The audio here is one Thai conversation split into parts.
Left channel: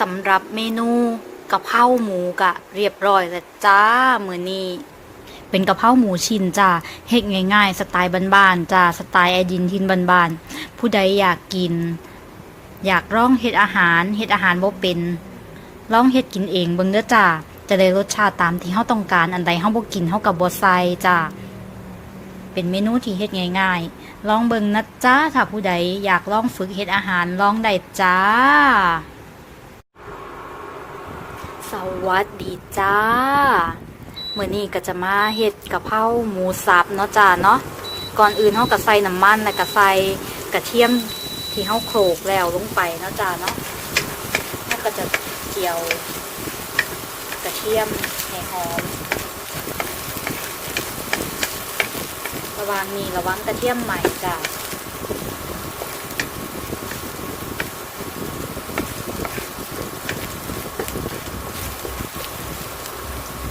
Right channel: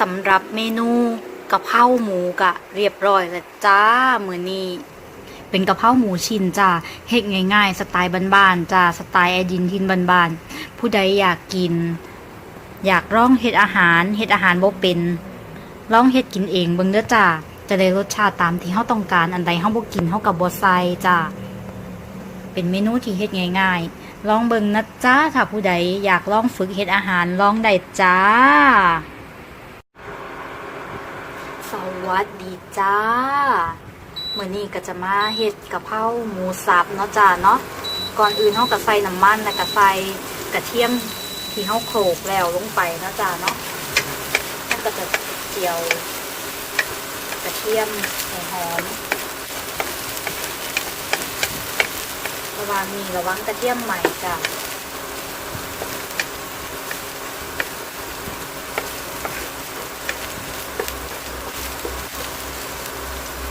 สำหรับเมนูกะเพราหมูกะเรียบร้อยแล้วจ้ามือนี้เป็นกะเพราหมูชิ้นจ้าเฮ็ดง่ายๆ สไตล์บ้านๆจ้าสไตล์ไอดินทินบ้านๆผู้ใดอยากกิน อยากลองเฮ็ดอาหารเฮ็ดอาหารบ่เป็นลองเฮ็ดกินเองเบิ่งเด้อจ้าจะได้รสชาติตามที่เฮาต้องการอันใดเฮาบ่กินเฮาก็บ่ใส่จ้าเป็นเมนูที่เฮ็ดง่ายๆ ลองเบิ่งนะจ้าถ้าผู้ใดอยากลองฝึกเฮ็ดอาหารลองได้จ้า วัสดีจ้าเมื่อนี้ก็จะมาเฮ็ดกะเพราหมูสับเนาะจ้าเนาะก่อนอื่นเฮาก็ใส่น้ำมันแล้วก็ใส่กระเทียมที่เฮาโขลกแล้วลงไปเนาะจ้าเนาะเฮาก็จะเจียวกระเทียมให้หอมระวังนี่ระวังกระเทียมใหม่จ้า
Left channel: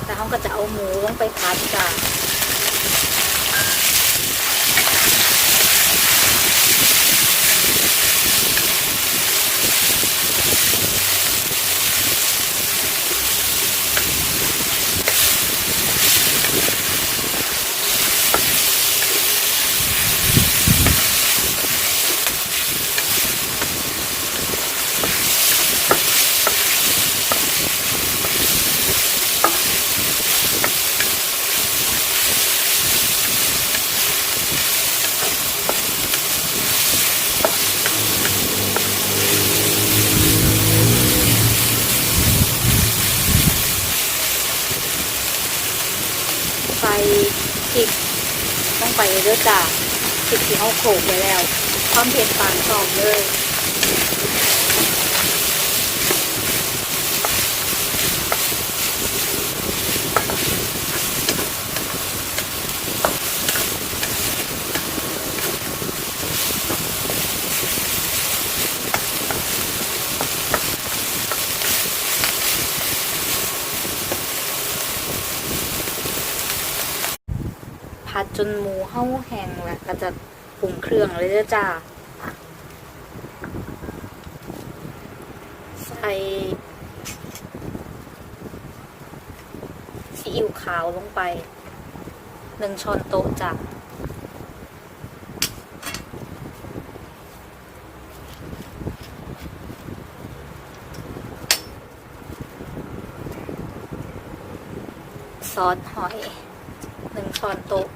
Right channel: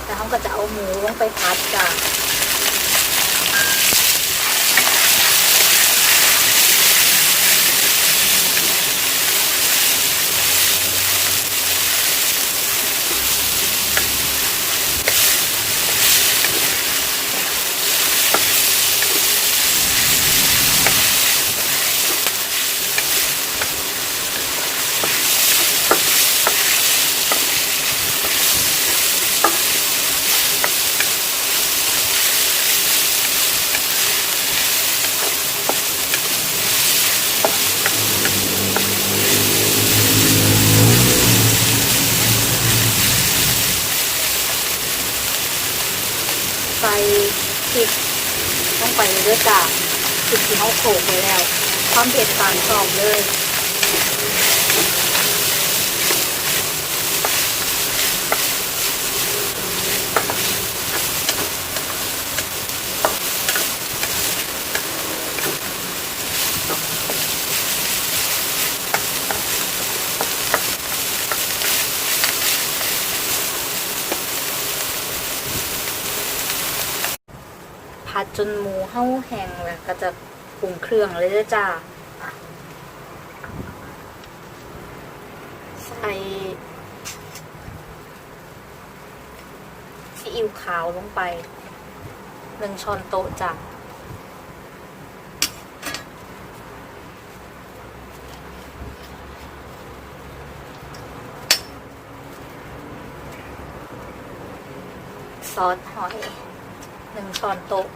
แต่เขา ก็จะเอาหมูลงไปผัดจ้ะใส่พริก ต้องไปเยจ้ะพริกที่เขาโขกไปแล้วความเผ็ดต่ามชอบเลย ผัดจนหมูเห่าแห้งแล้วก็จะปรุงเครื่องเลยด้อจ้า ใส่ซีอิ๊วขาวลงไปหนึ่งช้อนโต๊ะจ้ะซอสหอยหนึ่งช้อนโต๊ะ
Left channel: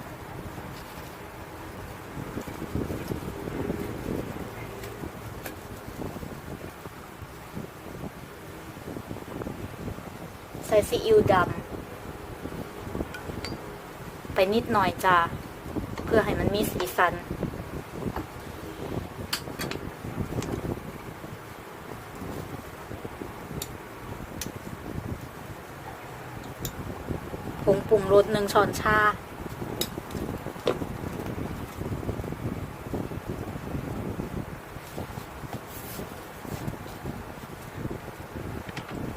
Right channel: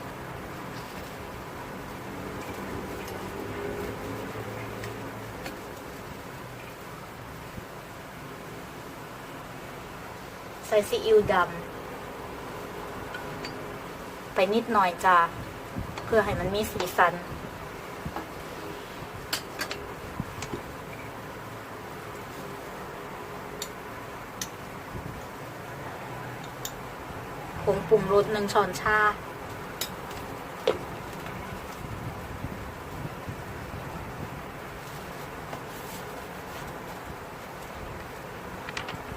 ซีอิ๊วดำไปนิดหน่อยจ้าเพื่อให้มันมีสีสัน ผงปรุงรสหนึ่งช้อนชา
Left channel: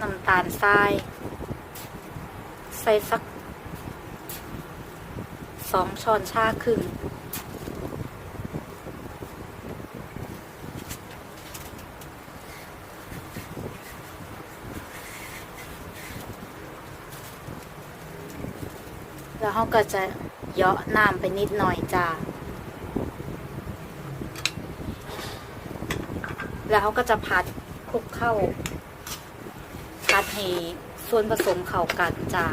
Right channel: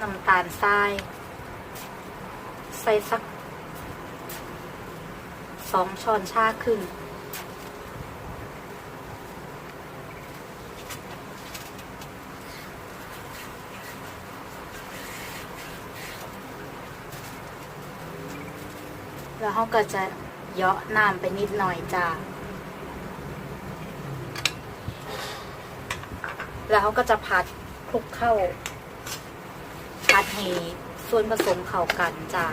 น้ำตาลทราย ใส่สักสองช้อนชาครึ่งแล้วเขาก็จะเยาะน้ำไปนิดหน่อยจ้า แล้วเขาก็จะพัดคลุกเข้า พัดให้ ส่วนผสมเข้ากันจ้า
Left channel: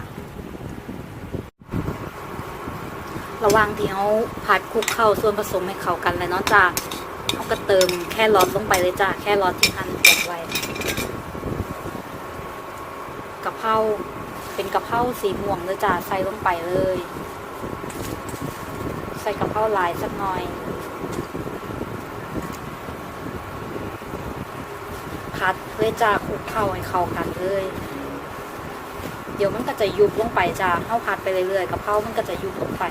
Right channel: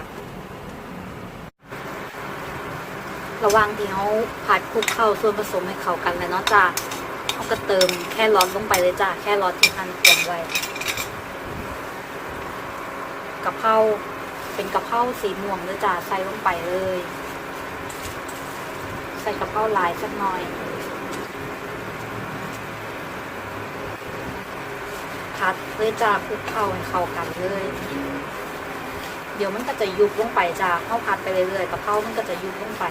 ระวังที่เขาผัดคลุกเข้าส่วนผสมให้เข้ากันแล้วเนาะจ้าเขาก็เติมแค่รอทลงไปเลยจ้าแค่รอทที่หั่นเตรียมไว้กะเพราเป็นกะเพราสีม่วงเลยจ้าใส่ลงไปเลย ใส่กะเพราลายสักหน่อยพัดเลยจ้าคลุกเข้าให้เข้ากันเลย เดี๋ยวมันก็จะยุบลงไปจ้าเข้าพัดไปเรื่อยๆกะเพรามันก็จะยุบลงไป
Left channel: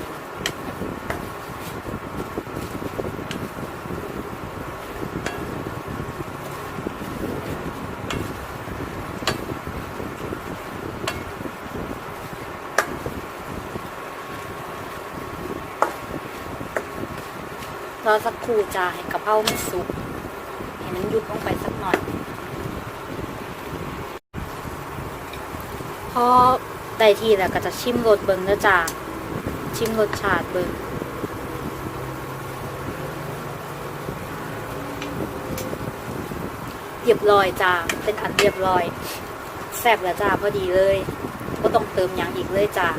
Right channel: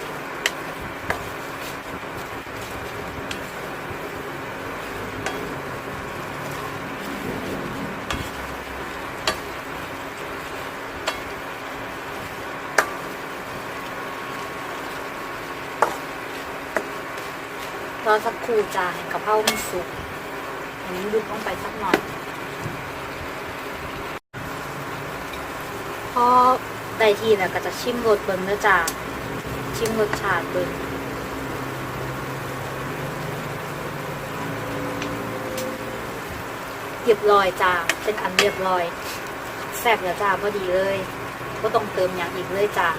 รอสักครู่จ้าให้กะเพรามันสุกให้มันยุบลงไปสักหน่อย ได้ ที่แล้วก็จะชิมรสเบิ่งแล้วจ้าชิมรสชาติเบิ่งเรียบร้อยจ้าเป็นอันเรียบร้อยแซ่บแล้วจ้าพอดีเลย ก็ต้องเติมอย่างอีกเลยจ้า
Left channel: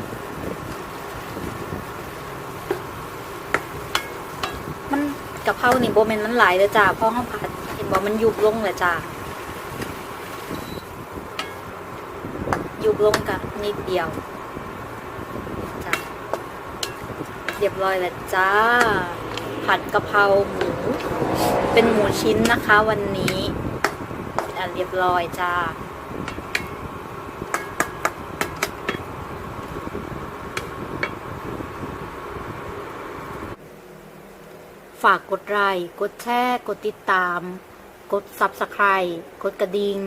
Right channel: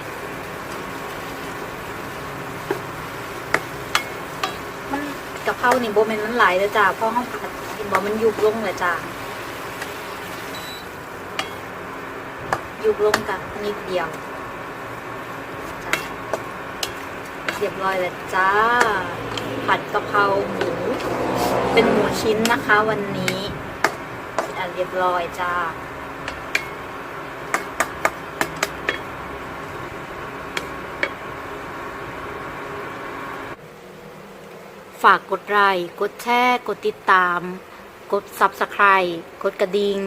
มันกะเพรานี่โบแมนมันหลายเลยจ้าเพราะห้องผัดเห็นบอกมันยุบลงเลยจ้า อยุบลงกับนิดเดียวจ้ะเรียบร้อยแล้วจ้า ผัดกะเพราหมู เป็นหมูชิ้นนะคะวันนี้เรียบร้อยจ้าฝากกดไลค์ กดแชร์ กดติดตาม กด Subscribe กดกระดิ่ง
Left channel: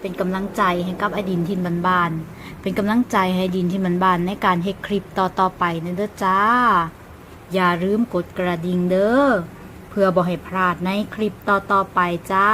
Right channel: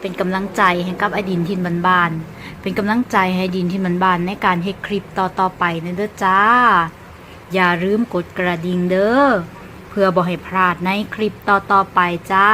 เป็นกำลังใจให้กับไอดินทินบานๆเป็นกำลังใจให้ดินทินบานๆในการเฮ็ดคลิปต่อๆไปนะเด้อจ้า อย่าลืมกดกระดิ่งเด้อเพื่อบ่ให้พลาดในคลิปต่อๆไปจ้า